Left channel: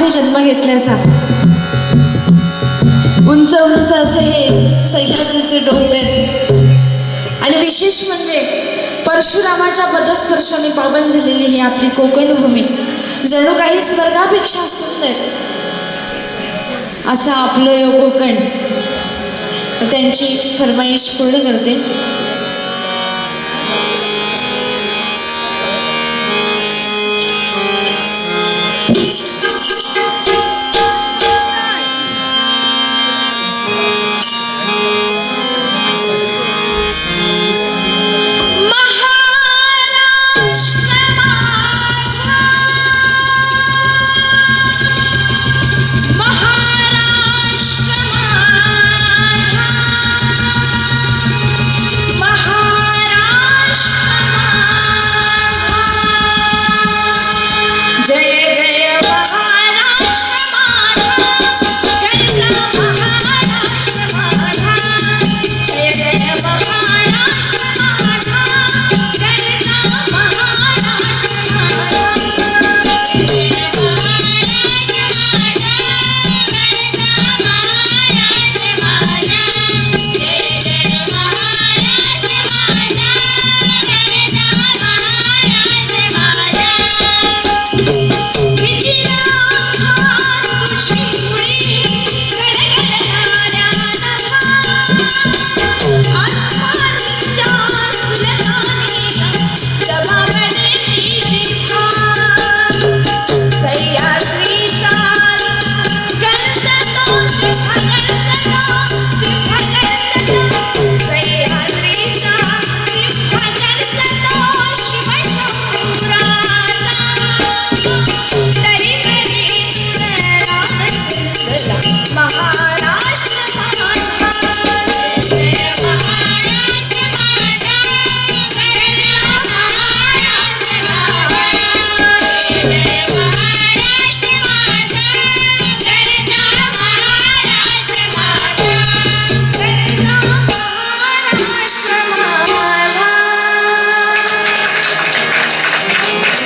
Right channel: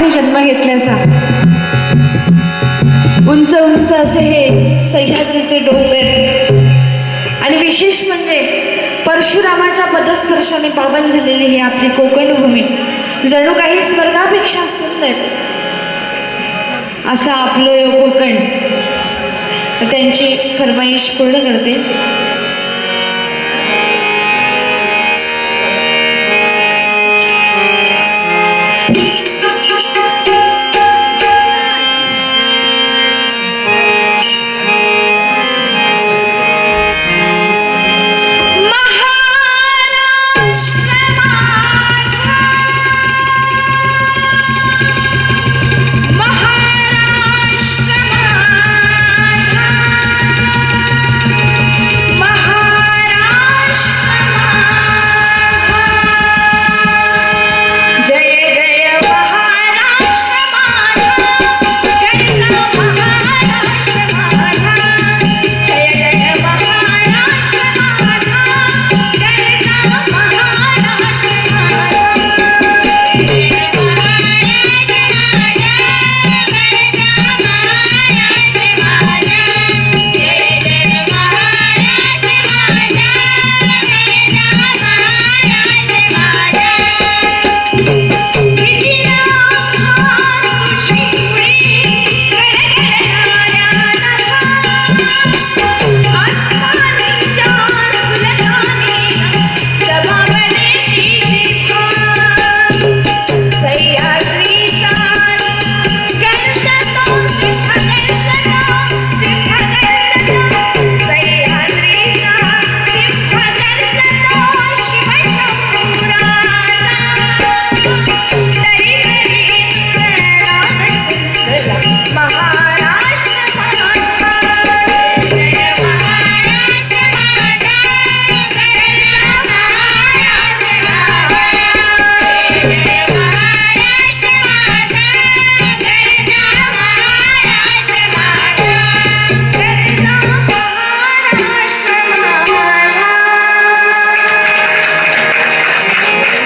मध्ये जन्म घेतल्याचा। उंच उंच असे हे सह्याद्रीचे डोंगर आणि विशेष म्हणजे परशुरामाच्या पदस्पर्शाने पावन झालेली ही आपली कोकण भूमी जणू काही स्वर्गापेक्षा सुंदर असा आपलं कोकण। त्यांची फरमाईश पूर्ण करते। Yeah.